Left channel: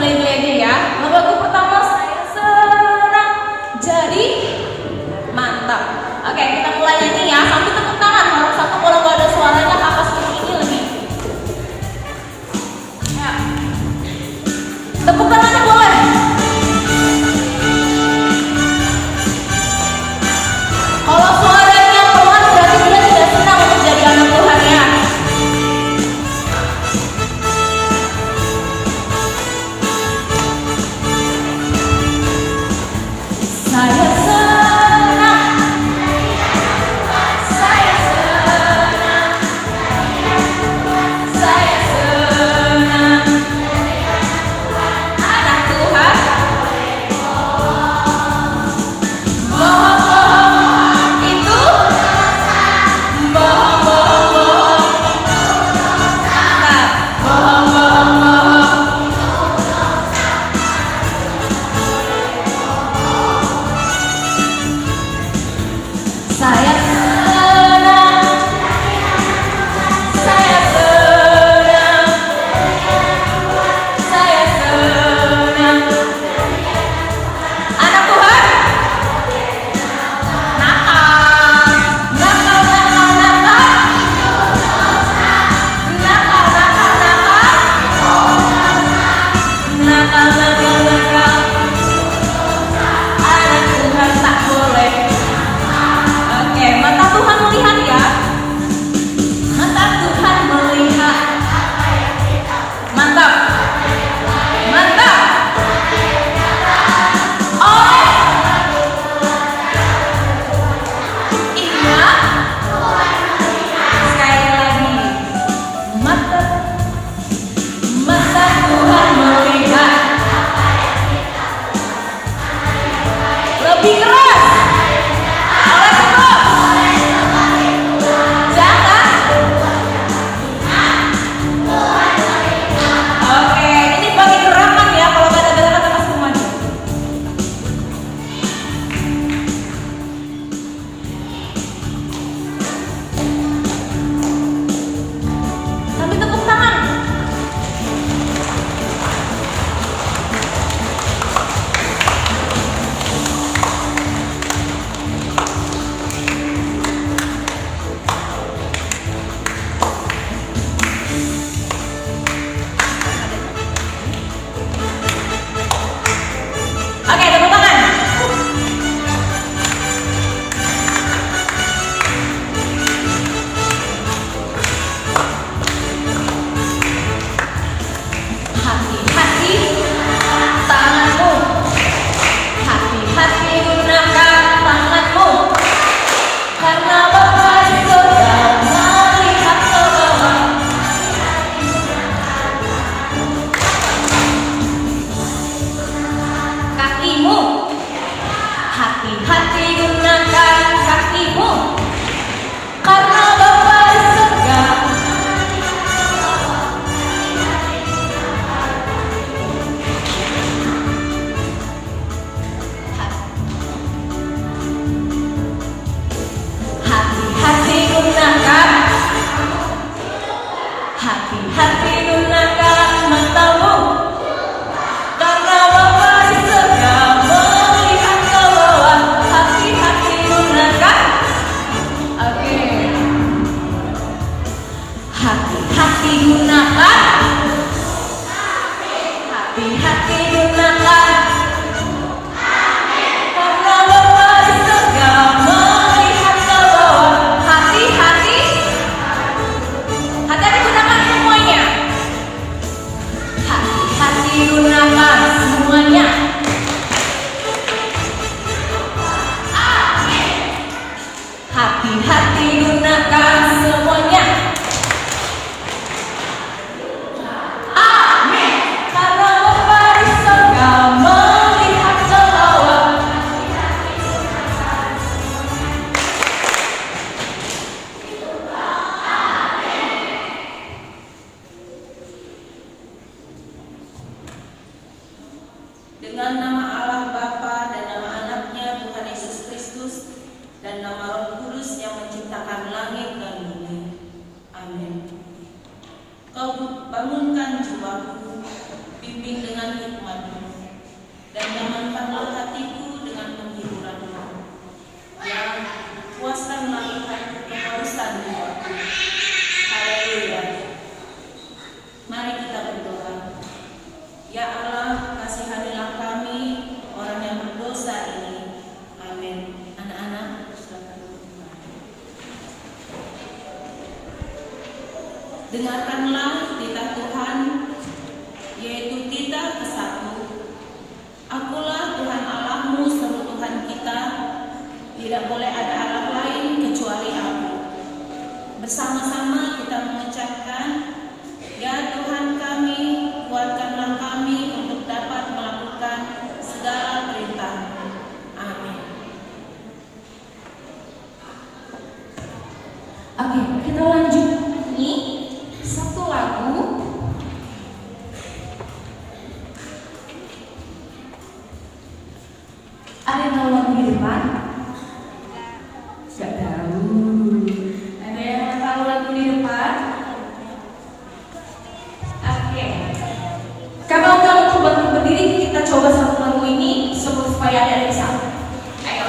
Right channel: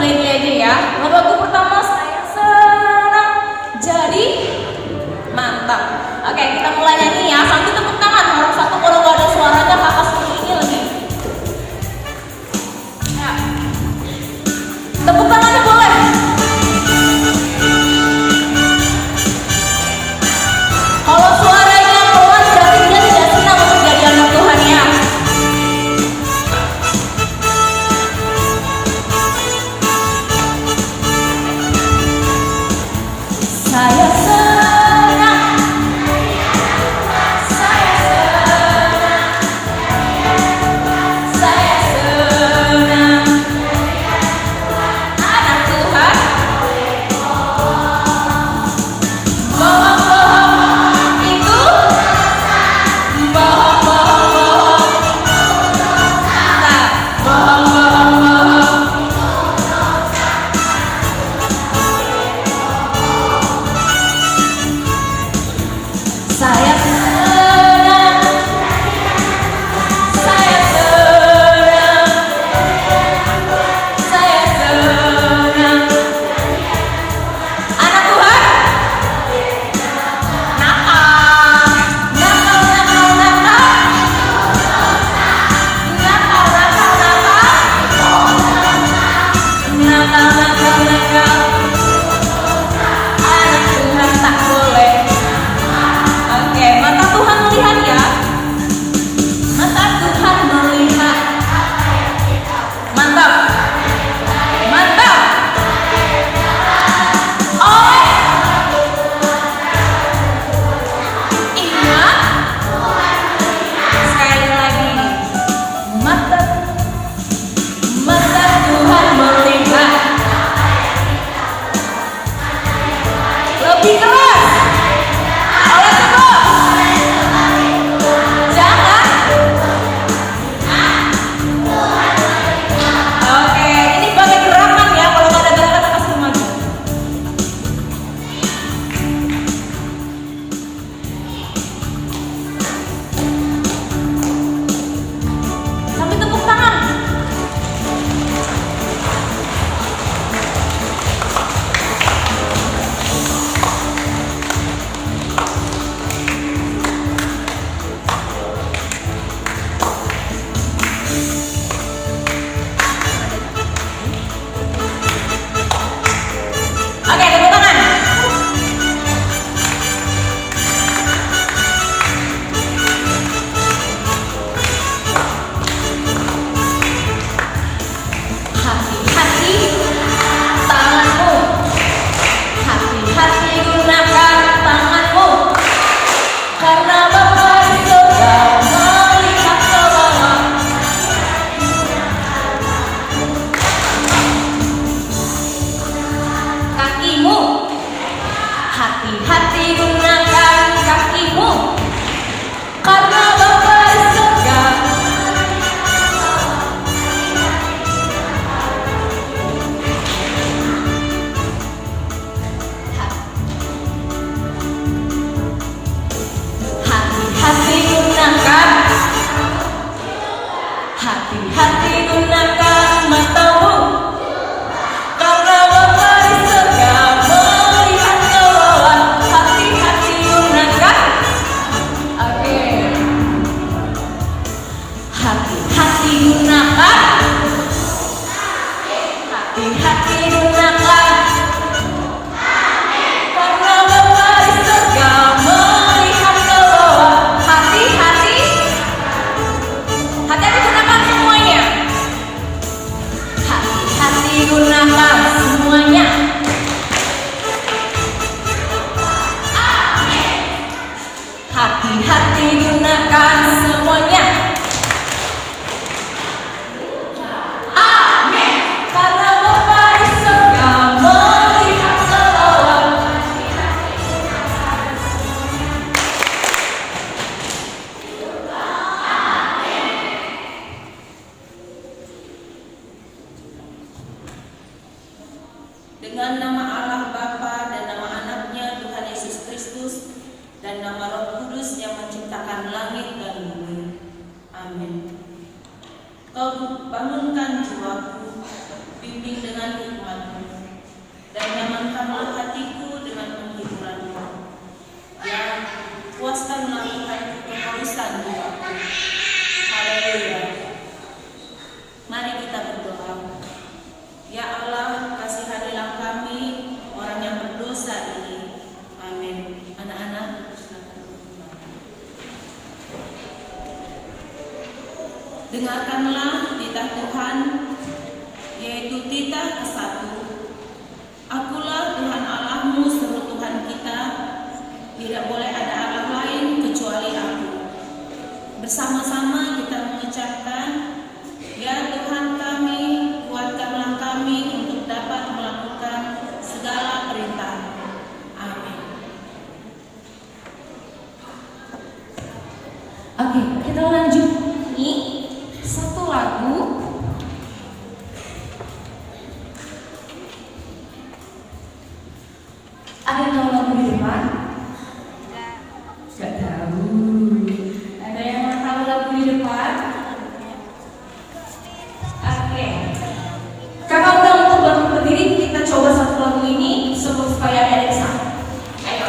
gele-gelenya ya. Lagu pertama saya senang jadi mantap. Oke, kita mulai nyanyi ya. Sambil tepuk tangan harus satu, kalau nggak ada suaranya kakak seperti ini lagi. Ya. Tepuk tangannya boleh. Kalau suaranya pelan berarti dia tidak senang untuk jadi anak Tuhan ya. Saya senang, saya senang, saya senang, anak Tuhan. Bohong-bohong itu, bohong-bohong, nah, bohong-bohong. Saya senang, saya senang, saya senang, anak Tuhan. Nakal, nakal, nakal, nakal, nakal, nakal, nakal, nakal, anak Tuhan tak boleh. Oke, mata Tuhan melihat ya. Mata Tuhan melihat. Mantap. Mantap. Oleh. Ingat. Sekali lagi. Mata. Mata Tuhan melihat. Lebih keras. Oleh sebab. Jangan. Oke, ini bagai gerakan ya. Kalau nggak ada gerakan kita langsung maju. Sambil tepuk tangan. Oke, tepuk tangan. Hati-hati tanganmu. Hati-hati gunakan tanganmu. Karena Bapa di surga melihat ke bawah. Kakimu. Hati-hati gunakan kakimu. Karena Bapa di surga. Hati-hati gunakan. Hati-hati gunakan matamu. Karena Bapa di surga melihat ke bawah. Hati-hati gunakan. Oke. Hati-hati gunakan. Hati-hati gunakan. Karena Bapa di surga melihat ke bawah. Hati-hati. Hati-hati gunakan semuanya. Hati-hati gunakan semuanya. Hati-hati gunakan semuanya. Amin. Karena Bapa di surga melihat ke bawah. Dengan nama Allah Bapa dan nama anaknya Tuhan Yesus Kristus dan nama Roh Kudus yang menciptakan langit dan bumi. Amin. Kau bangunkan jiwaku, bimbing dengan Ada yang tahu lagu di depan? Gak tahu. Ada yang tahu lagu di depan? Oke. Kakak udah untuk bantu berdiri, kita coba satu lagu ini supaya ada yang sama. Ayo.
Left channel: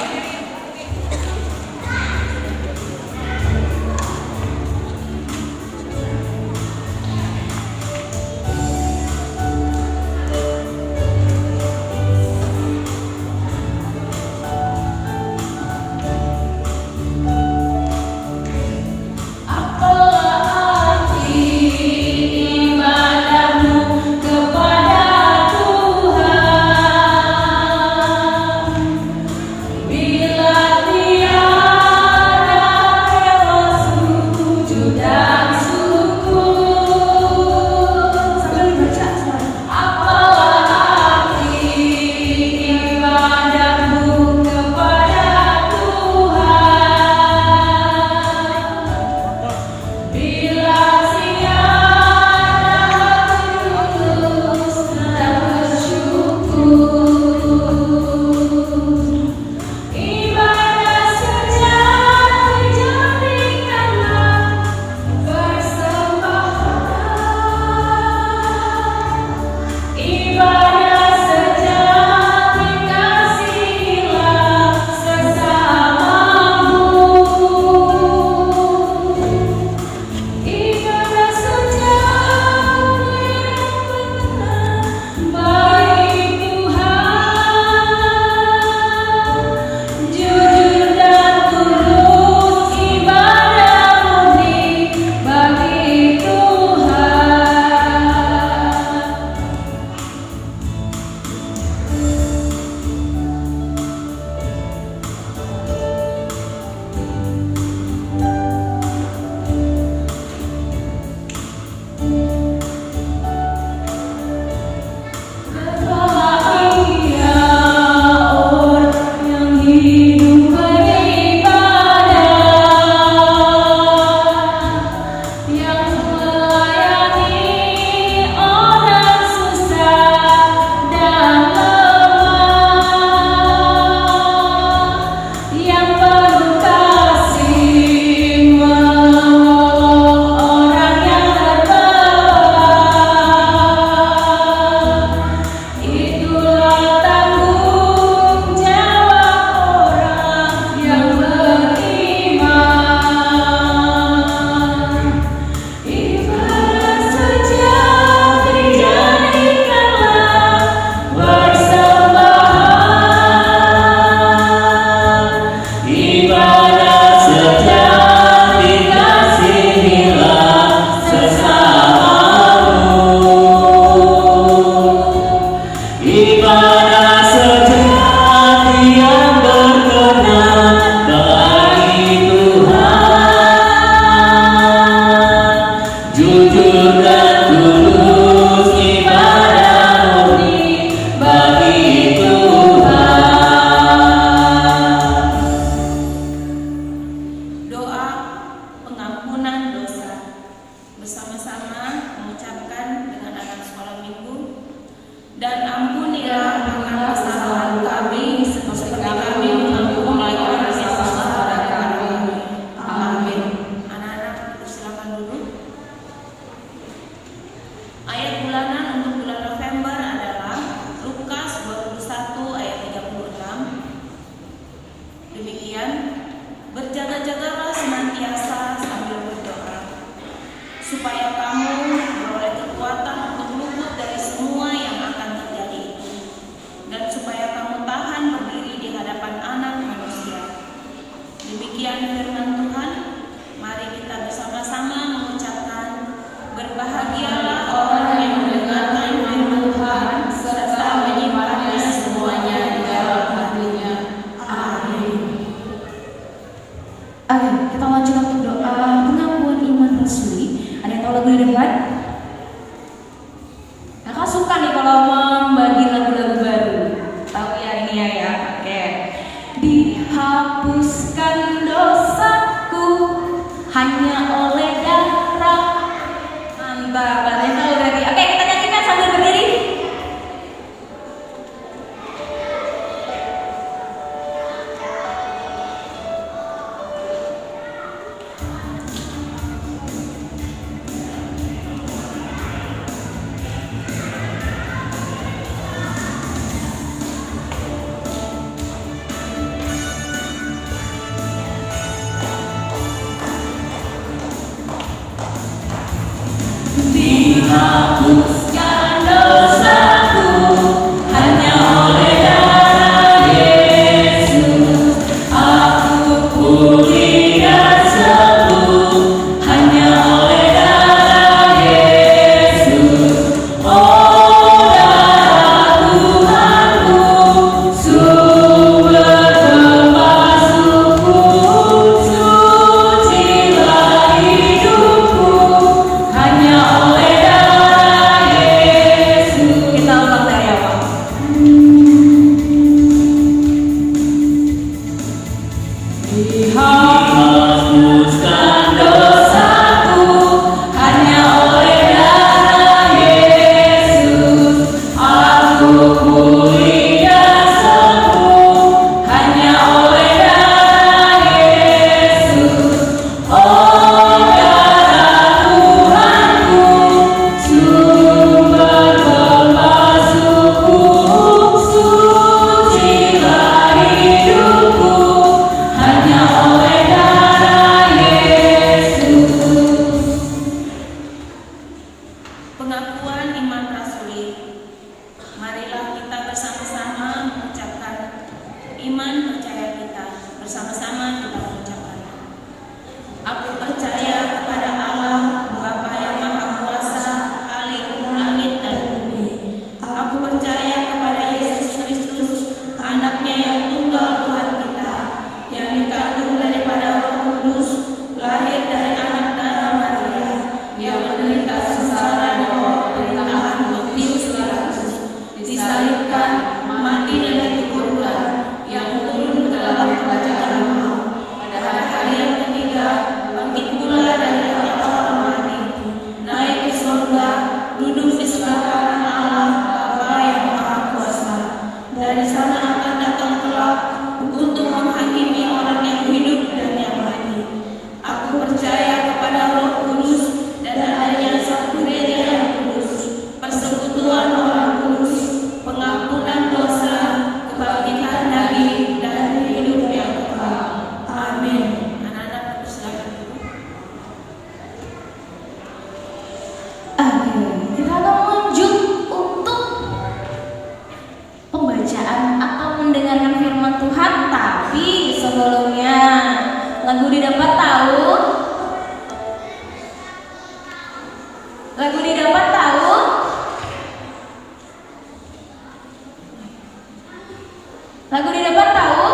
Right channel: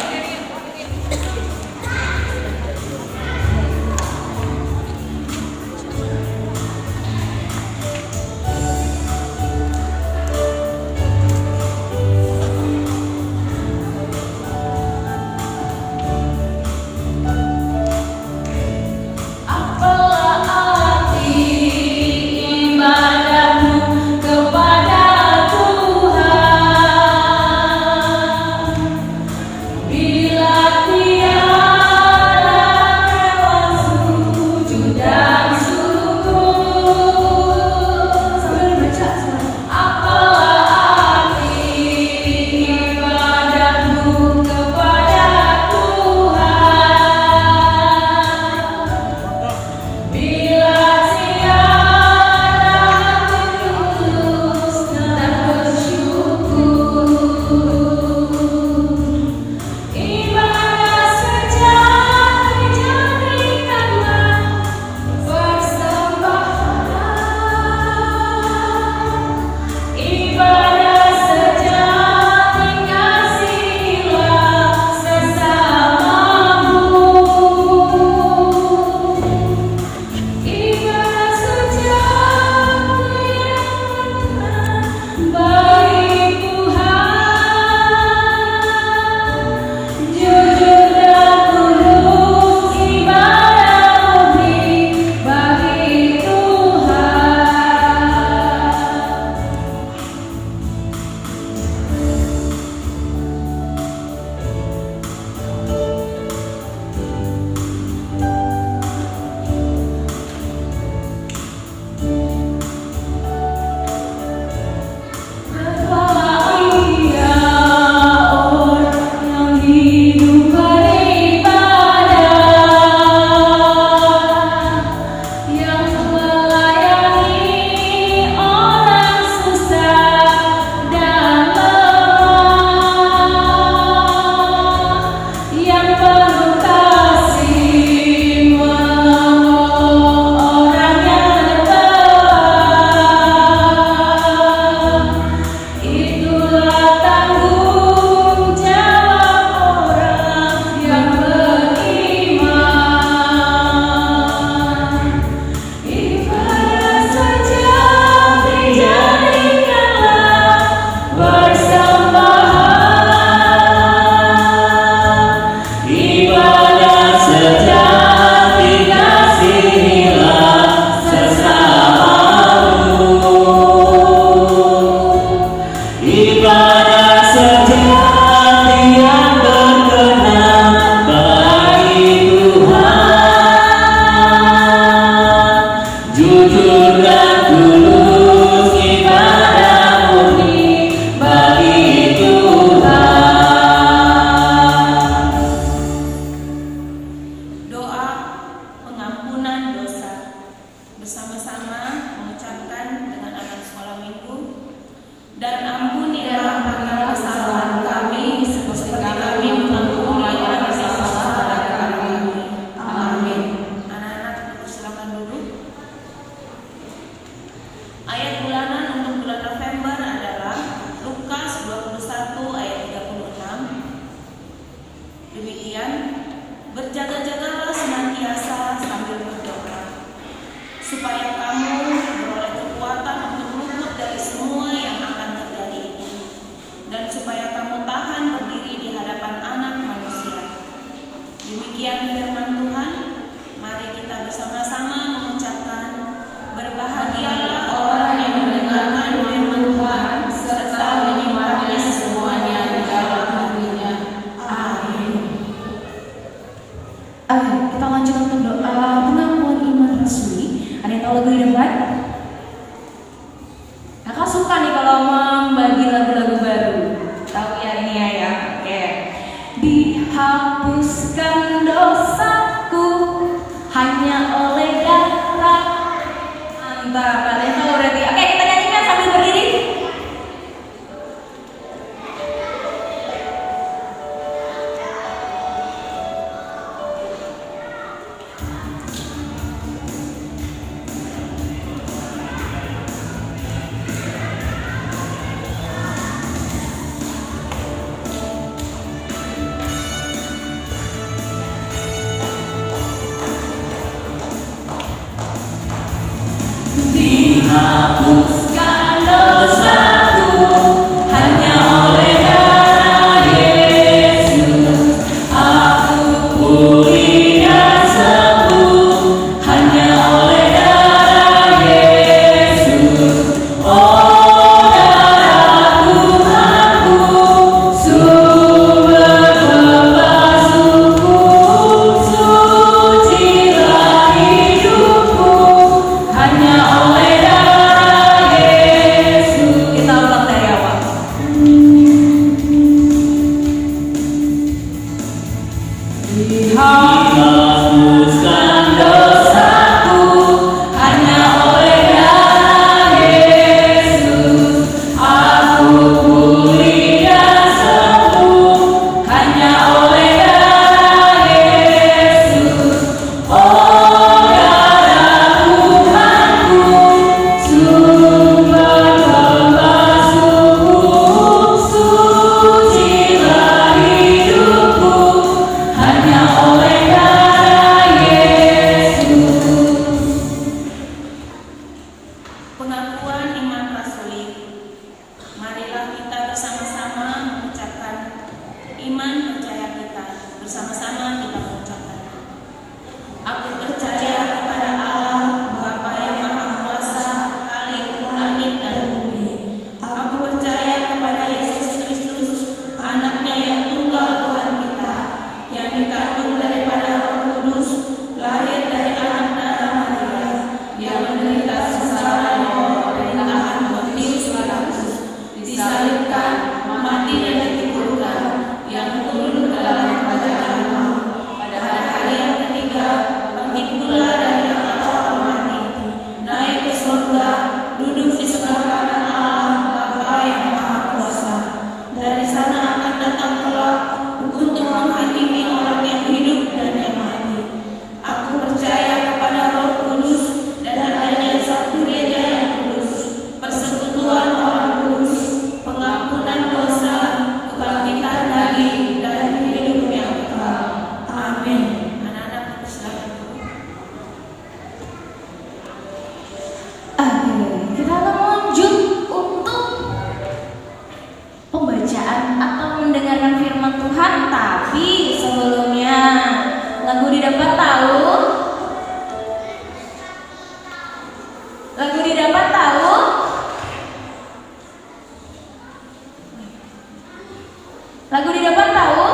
Lagu di depan tahu?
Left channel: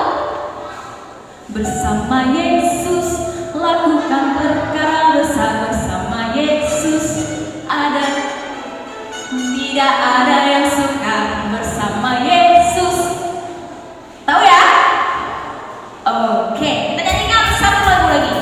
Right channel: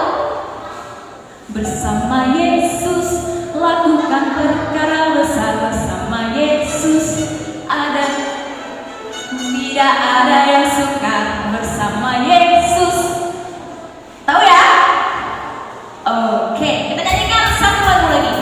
Bersama Yesus lakukan perkara besar, bersama Yesus tidak ada yang sukar, bersama Yesus. Tahu ya? Oke, kita nyanyikan satu lagu lagi.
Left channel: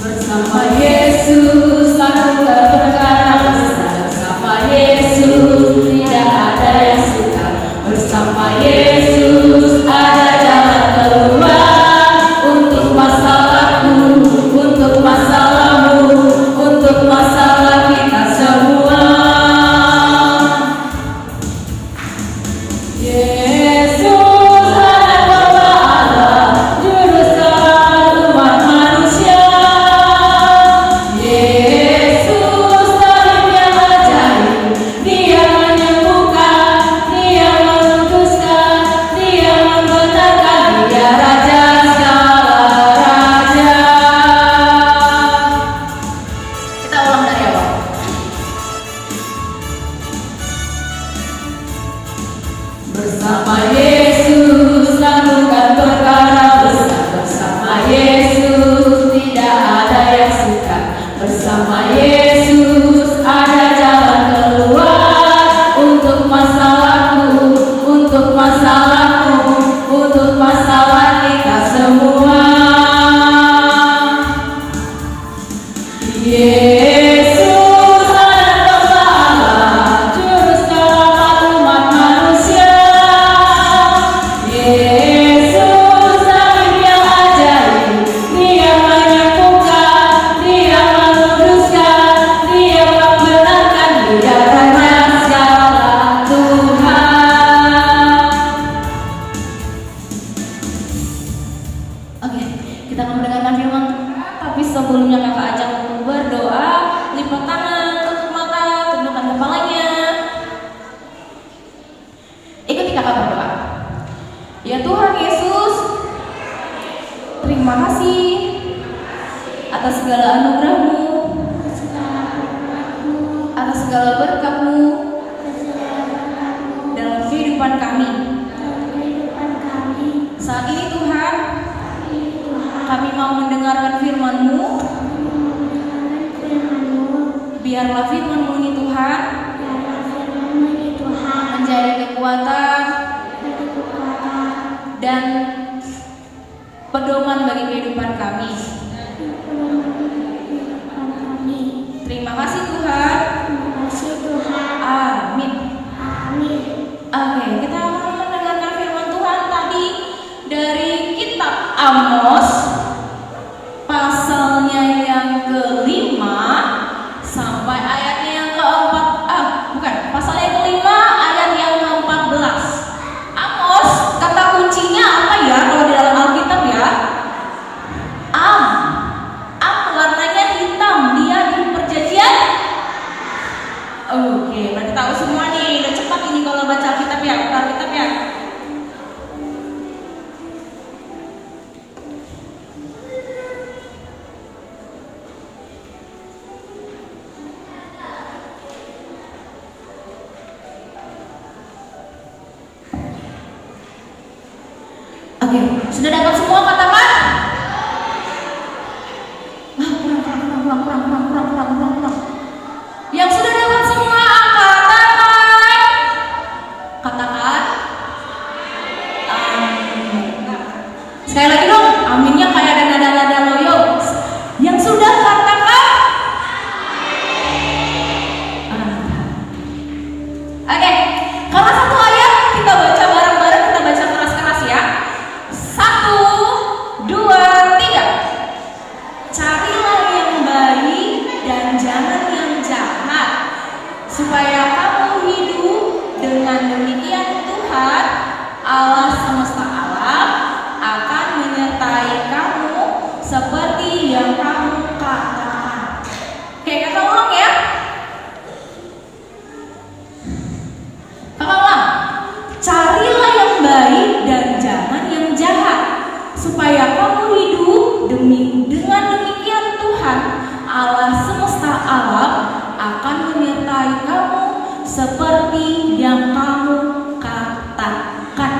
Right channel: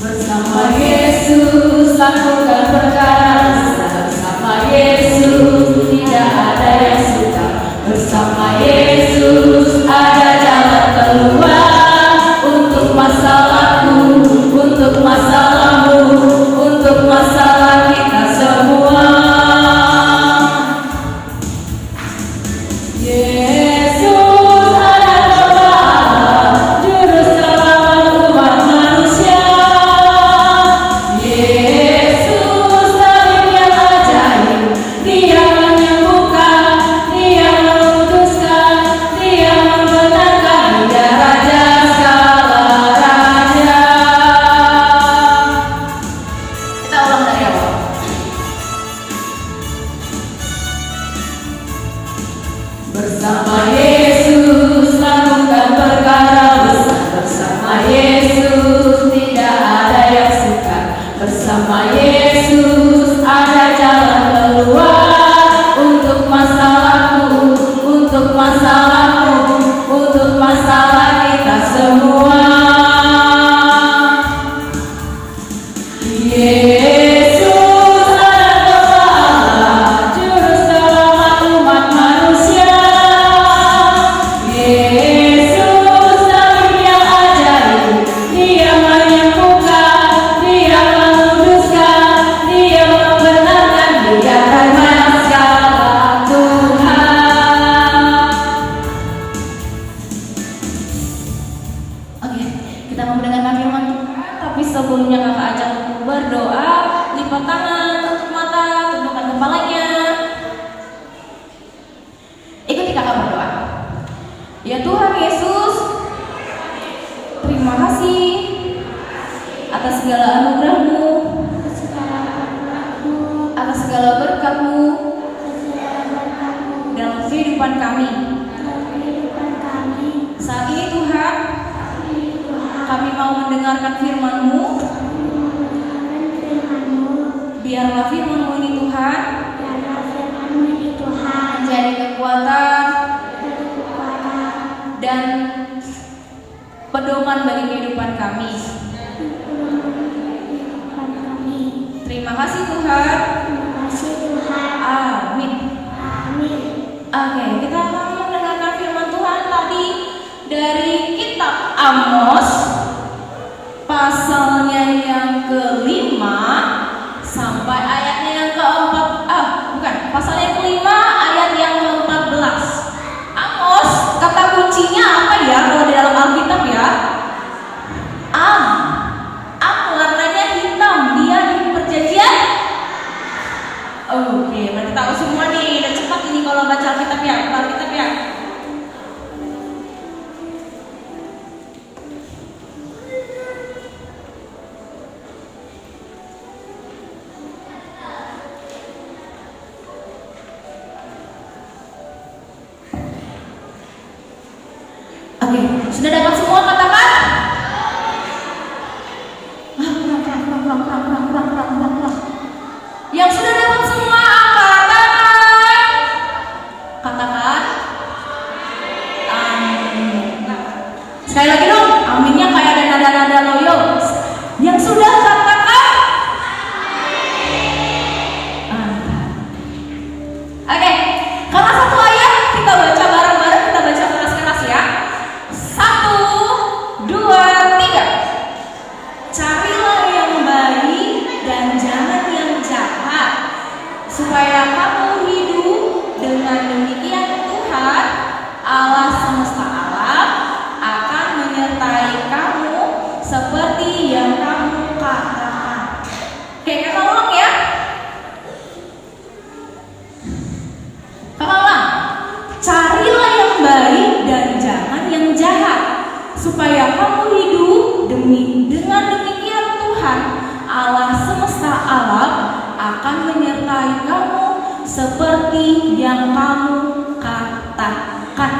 Bersama Yesus lakukan perkara besar, bersama Yesus tidak ada yang sukar, bersama Yesus ada jalan keluar untuk masalahku, untuk masalahmu, untuk masalah kita semua. Yesus adalah Allah, juru selamat umat manusia. Yesus tabib yang ajaib, Dia menyembuhkan, Dia memutuskan, Dia membenarkan, Dia Raja segala raja. Kita ulang dari awal. Bersama Yesus lakukan perkara besar, bersama Yesus tidak ada yang sukar, bersama Yesus ada jalan keluar untuk masalahku, untuk masalahmu, untuk masalah kita semua. Yesus adalah Allah, juru selamat umat manusia. Yesus tabib yang ajaib, Dia menyembuhkan, Dia meluruskan, Dia membenarkan, Dia Raja segala Tuhan. Oke, kita mau mendengarkan firman Tuhan, tapi sebelumnya kakak ajak untuk berdoa, lipat tangan, tutup mata, tundukkan kepalanya. Ikuti kakak berdoa. Ya Tuhan Yesus, terima kasih atas segala anugerah-Mu, atas segala berkat-Mu dalam kehidupan kami. Saat ini Tuhan, kami mau mendengarkan firman-Mu. Biarlah firman-Mu ini Tuhan menjadi kekuatan dan pedoman bagi kehidupan kami. Terima kasih Tuhan. Amin. Oke, kita mau mendengarkan firman Tuhan tadi dari kitab Amos, pasalnya yang kelima sampai ayatnya yang keempat. Pasal yang kelima ayat yang ke-14. Amos, kata kuncinya apa ya kalau di dalam Alkitab ya? Am warnanya hitam, dia di perjanjian. Oke, berarti tahu semua nih. Udah cepat ini kalau baca Alkitab ya, Alkitab ya. Oke, sudah dapat semua katakan? Pulang. Yang sudah dapat semua angkat tangan. Katakan. Amin. Sekali lagi dong, aminnya kayak ada nada-nada loyo. Yang sudah katakan? Oke, karena satu ayat kita baca bareng-bareng, kita baca keras-keras ya. 1, dengan demikian Tuhan Allah semesta alam akan menyertai kamu seperti yang kamu katakan.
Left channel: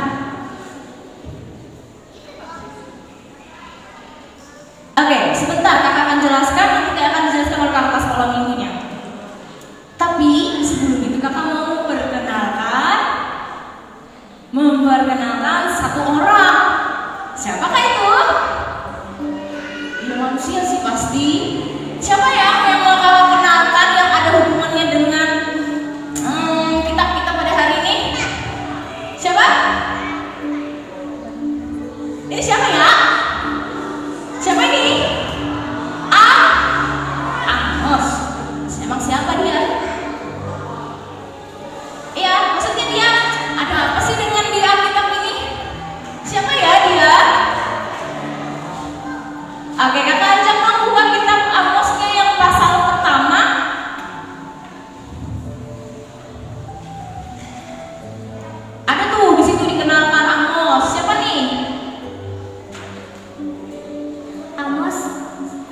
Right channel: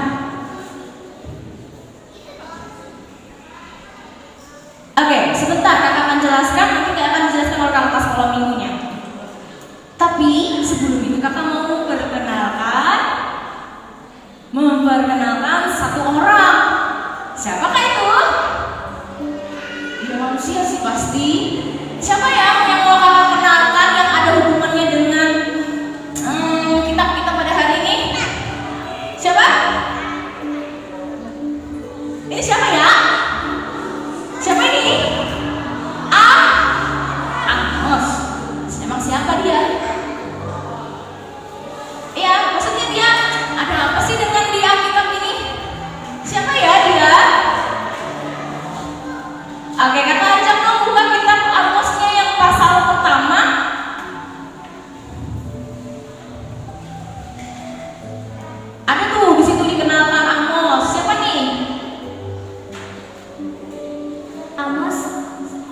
Oke, sebentar kakak akan jelaskan, nanti kakak akan dijelaskan oleh kakak pas kolom minggunya. Tapi sebelum itu kakak mau memperkenalkan satu orang. Siapakah itu? Ya manusia sih pasti. Siapa yang mau kakak kenalkan yang ada hubungannya dengan kita pada hari ini? Siapa? Ini siapa ya? Siapa ini? Amos. Emang siapa dia? Iya, maksudnya dia ada apa sih dengan di Alkitab ini? Siapa ya dia? Oke, kata ajak membuka kitab Amosnya yang pasal pertama. Ada tuh di situ dikenalkan Amos. Siapa nih? Amos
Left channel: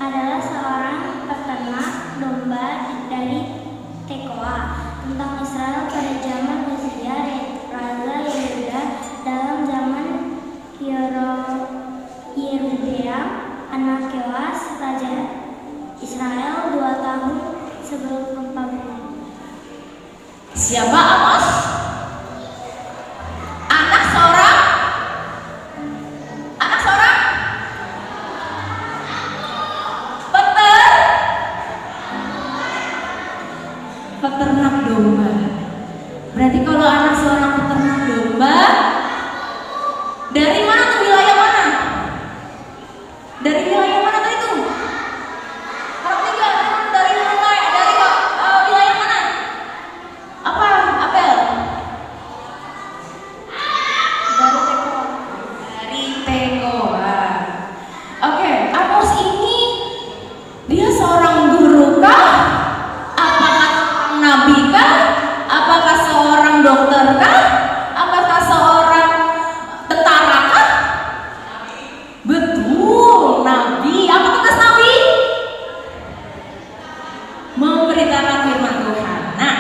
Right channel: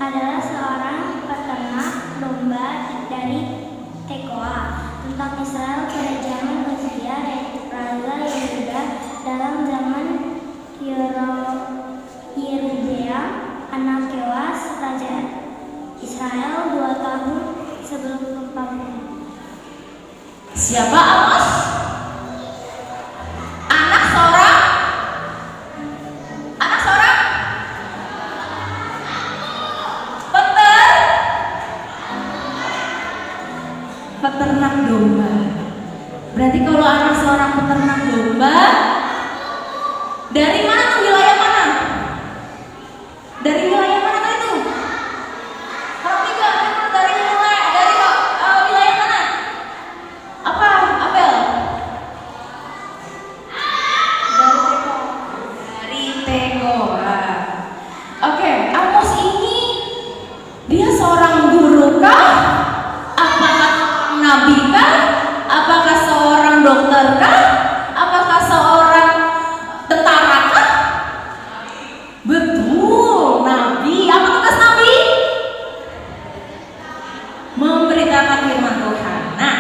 adalah seorang peternak domba dari Tekoa tentang Israel pada zaman Uzia Raja Yehuda dalam zaman Yerobeam anak Yoas Raja Israel 2 tahun sebelum pembangunan. Siapa Amos? Anak seorang peternak domba. Berarti kalau anak seorang peternak domba, dari mana tuh, wilayah mana? Dari wilayah mana tadi tuh? Harap tiga, dari wilayah mana? Apa, Abel? Dari Tekoa. Oke, Amos ini dia seorang guru kah? Apakah nabi kah? Apakah seorang dokter kah? Apakah seorang tentara kah? Betul, nabi. Apa tugas nabi? Memberitakan firman Tuhan. Nah,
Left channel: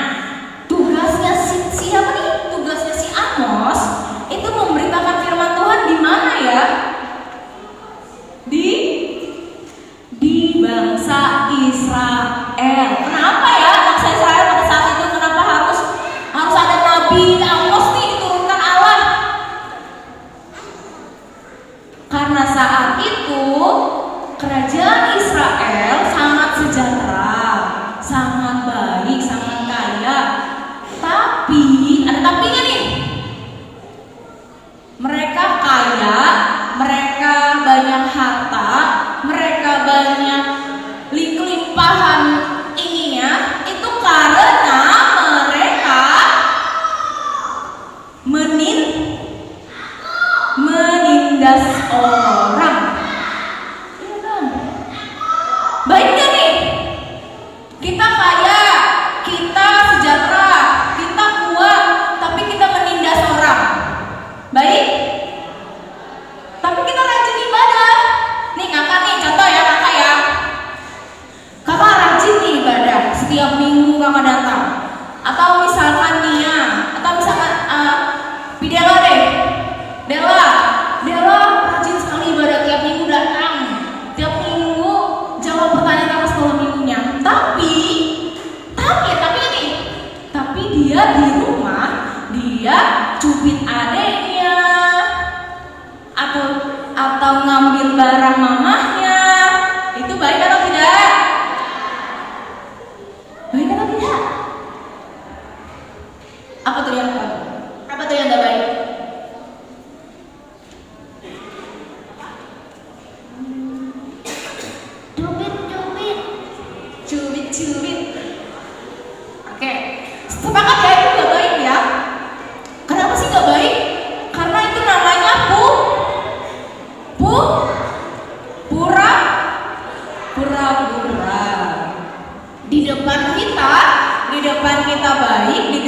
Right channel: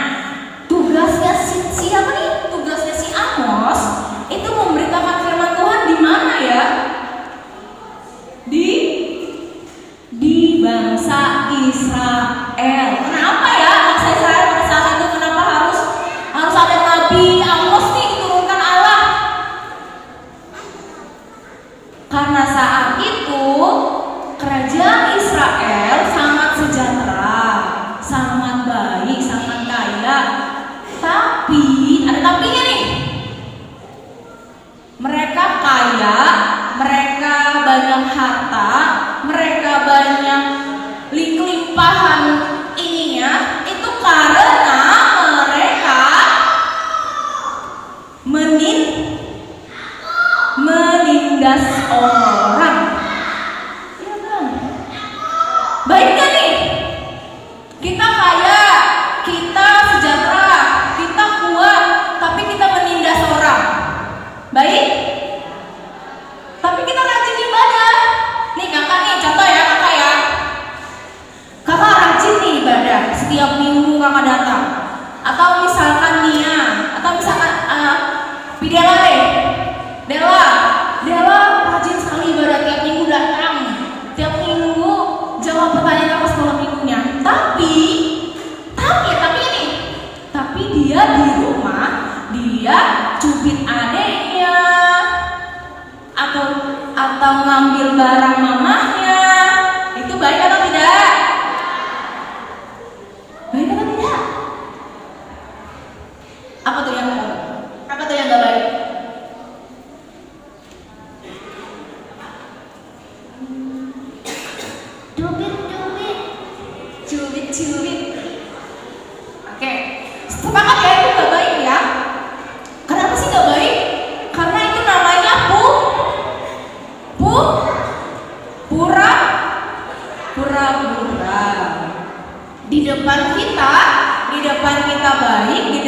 tugasnya siapa nih? Tugasnya si Amos itu memberitakan firman Tuhan di mana ya? Di bangsa Israel. Kenapa ya bangsa Israel pada saat itu kenapa harus ada nabi Amos nih diturunkan Allah? Karena saat itu kerajaan Israel sangat sejahtera, sangat baik, sangat kaya. Tapi ada tapinya nih. Mereka kaya, mereka banyak harta, mereka banyak limpahan ininya, itu karena mereka menindas orang. Iya kan? Baiknya nih, kita kaya, kita sejahtera, kita kuat, tapi kita menindas orang. Baik? Tapi kita rajin ibadah. Nih kakak nih, contoh ya kakak ya. Kakak rajin nih ibadah, setiap minggu kakak datang. Atau misalkan Nia, atau misalkan Bidela deh. Dela rajin sekali ibadah, tiap minggu datang. Tiap minggu jawab pertanyaan pas malam minggunya. Tapi dia di rumah, dia cubit adeknya, atau ngambil barang mamahnya. Itu baik atau tidak? Baik atau tidak? Apa tuh yang baik? Apa tuh yang gak baik? Cubit. Oke, sepakat ya itu gak baik ya. Kenapa sih gak baik? Karena itu namanya pura-pura. Di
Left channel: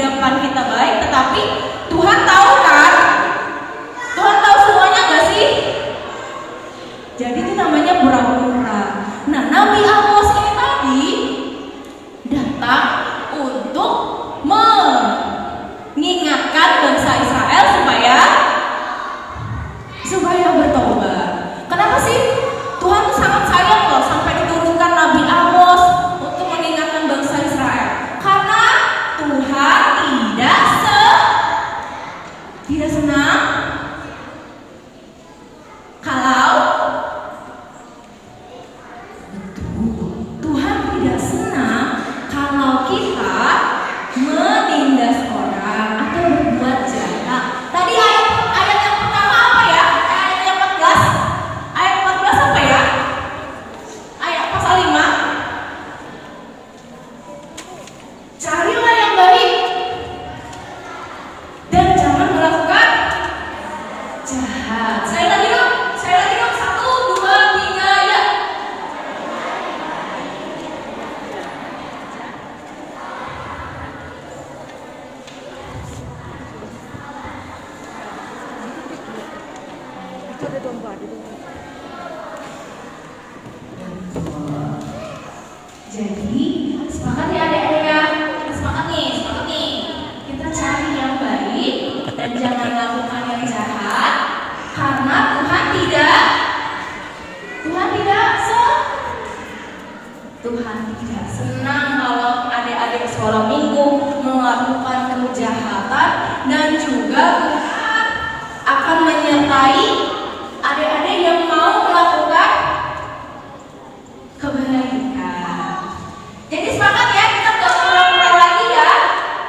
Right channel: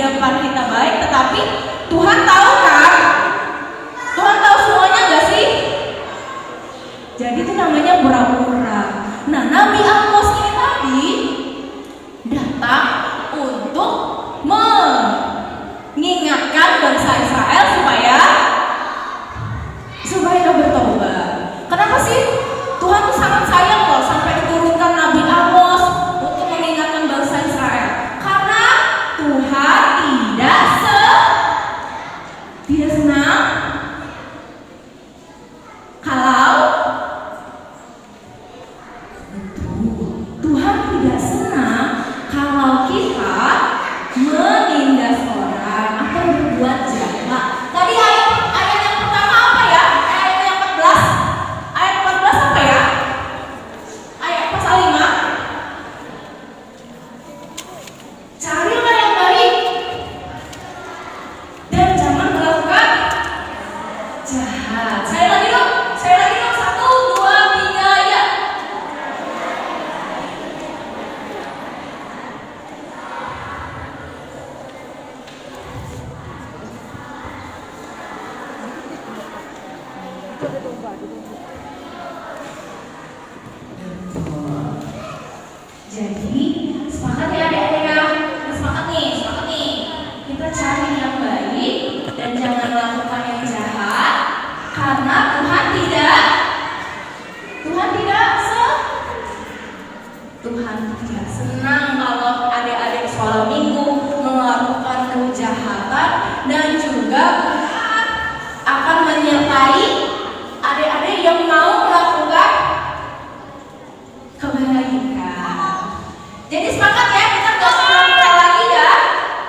depan kita baik, tetapi Tuhan tahu kan? Tuhan tahu semuanya gak sih? Jadi itu namanya pura-pura. Jadi sepakat ya adik-adik ya? Kita sepakat nih. Kita cari yang baik dan jangan melakukan yang jahat, karena Tuhan tidak senang kalau adik-adik sekolah minggu melakukan kejahatan, dan juga Tuhan akan menyertai adik-adik yang mau melakukan kebaikan. Jadi sepakat ya, kita nggak pura-pura lagi ya.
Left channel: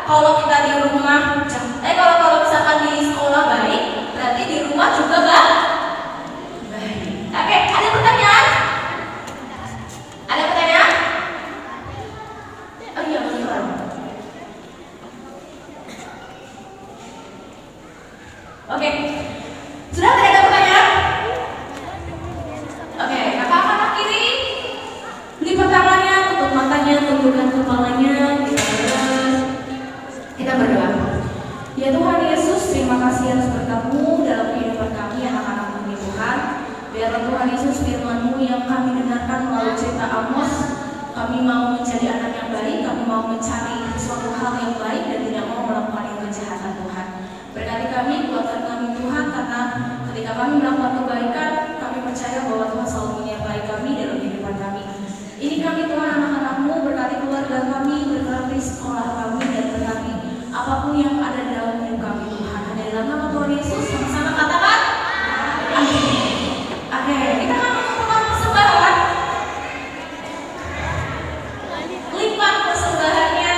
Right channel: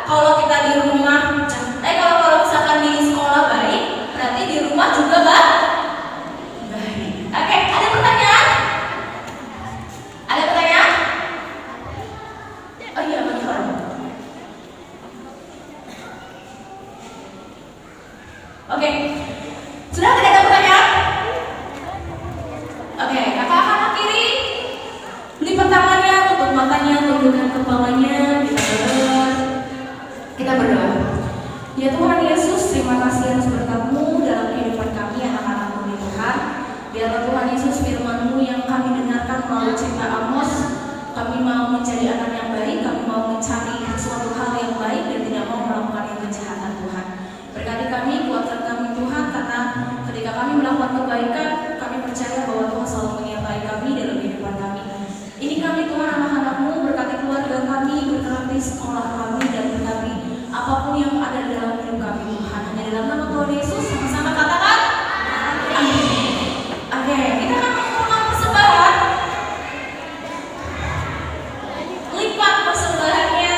Kalau kita di rumah, kalau misalkan di sekolah baik, berarti di rumah juga baik. Oke, ada pertanyaan? Ada pertanyaan? Oh iya, betul. Oke, sudah tidak ada pertanyaan? Oke, kakak kanan kiri, lipat tangannya, tutup matanya, tundukkan kepalanya, kita berdoa. Ya Tuhan Yesus, terima kasih atas berkat-Mu dalam kehidupan kami, anak-anak-Mu ya Tuhan. Biarlah Tuhan Yesus firman-Mu yang kami dengarkan melalui cerita Amos, kami mau menjadi anak yang baik, kami mau mencari suatu hal yang baik dan tidak mau melakukan yang kejahatan Tuhan. Berkati kami, kuatkan kami Tuhan, karena ketika kami melakukan kebaikan, kami percaya bahwa Tuhan selalu menyertai kami dalam kehidupan kami. Ini kami Tuhan, anak-anak-Mu, berkati keluarga kami, berkati sekolah kami, dan berkati apapun yang ada dalam hidup kami Tuhan. Hanya dalam nama Tuhan Yesus, sama-sama katakan amin. Oke, kita akan mengumpulkan persembahan. Lipat persembahannya.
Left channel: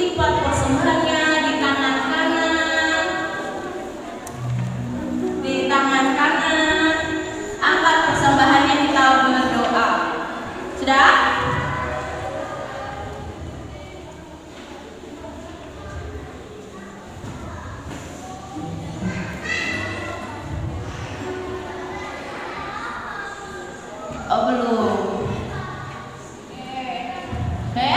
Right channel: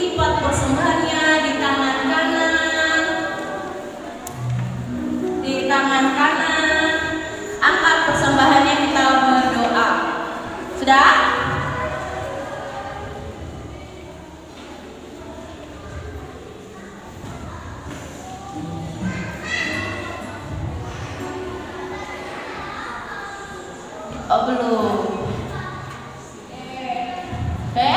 Lipat persembahannya di tangan kanan. Di tangan kanan. Angkat persembahannya, kita berdoa. Sudah? Oh belum. Oke.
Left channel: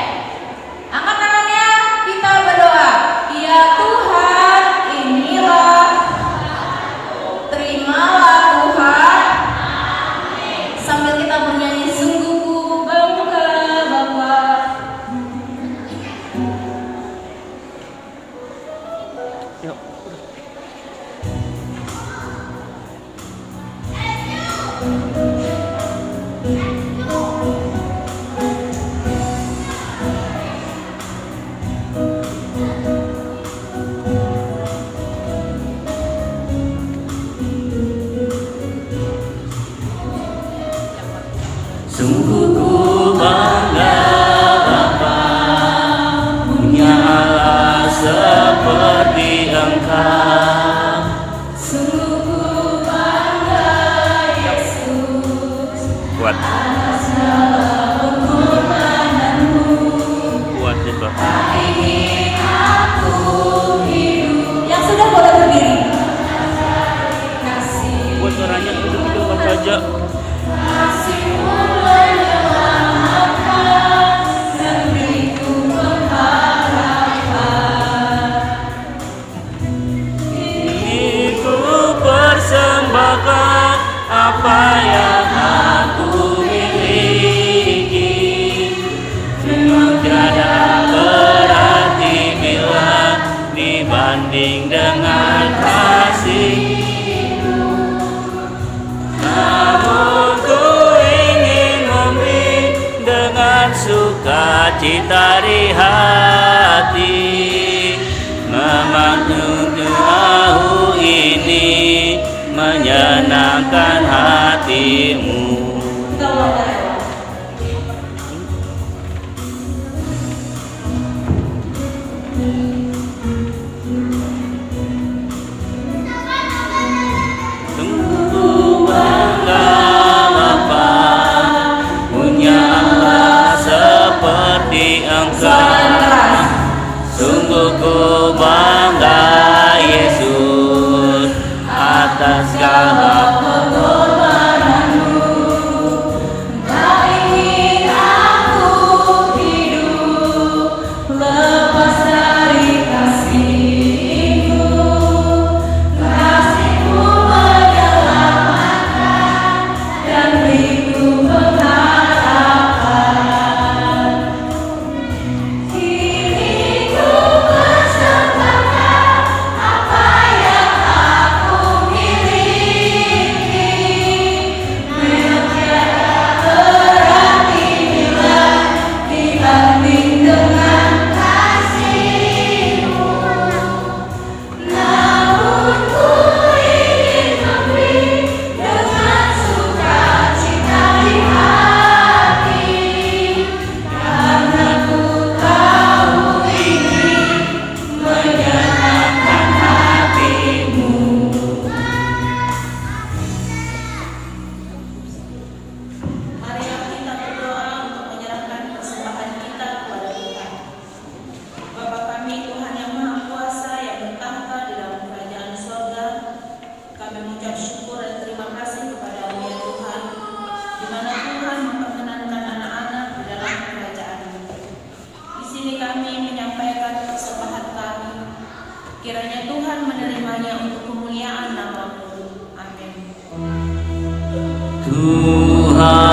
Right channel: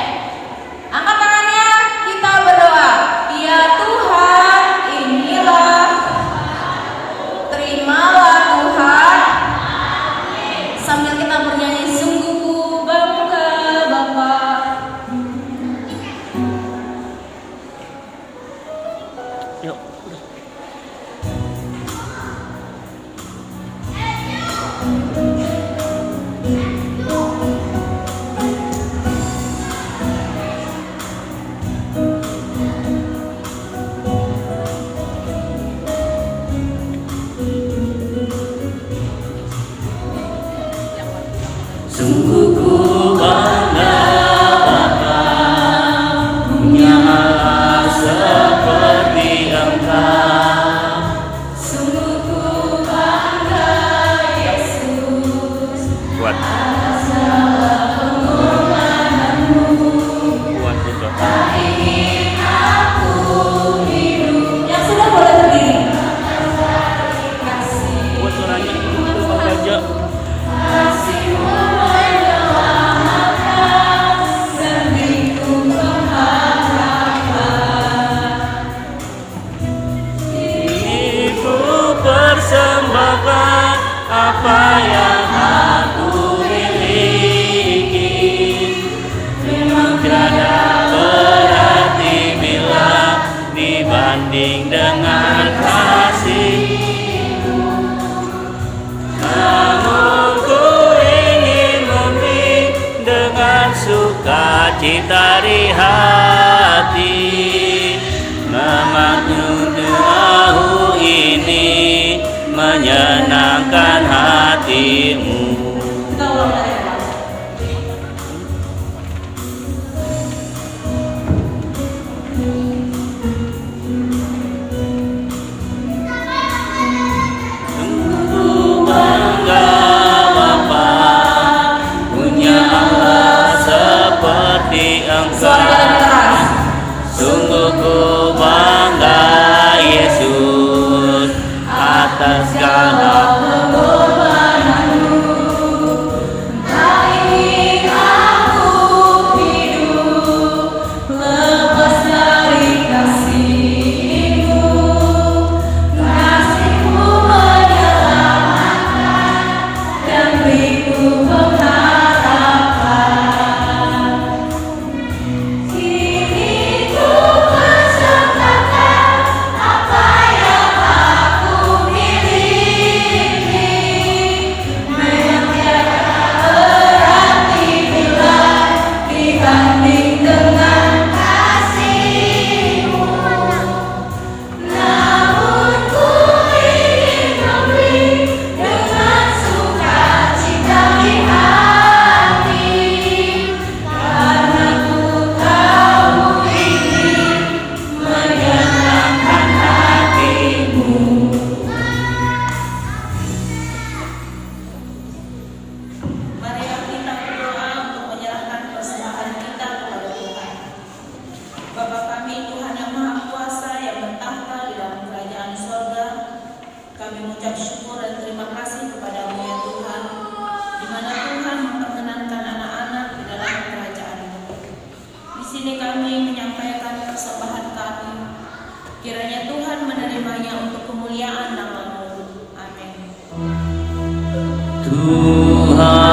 Angkat tangannya, kita berdoa. Ya Tuhan, inilah. Terimalah Tuhan. Sambil kita bernyanyi, sungguh ku bangga Bapa. Yuk. Sungguh ku bangga Bapa, punya Allah seperti Engkau. Sungguh ku bangga Yesus. Kuat. Kuat itu. Ingin aku hidup. Yang sudah boleh berdiri. Kasih. Buat suaranya itu Mas aja. Kasih-Mu menyelamatkan, negeriku pengharapan. Ini ku persembahkan apa yang aku miliki. Sungguh tiada berarti bila dibanding dengan kasih. Namun ku ingin memberi dengan sukacita di hati, memaknai doaku ini menyenangkan hatimu. Kita ulang dari awal. Ku bangga Bapa, punya Allah seperti Engkau. Sungguh ku bangga Yesus atas segala Pengorbanan-Mu. Engkau ingin aku hidup lepas dari Tuhan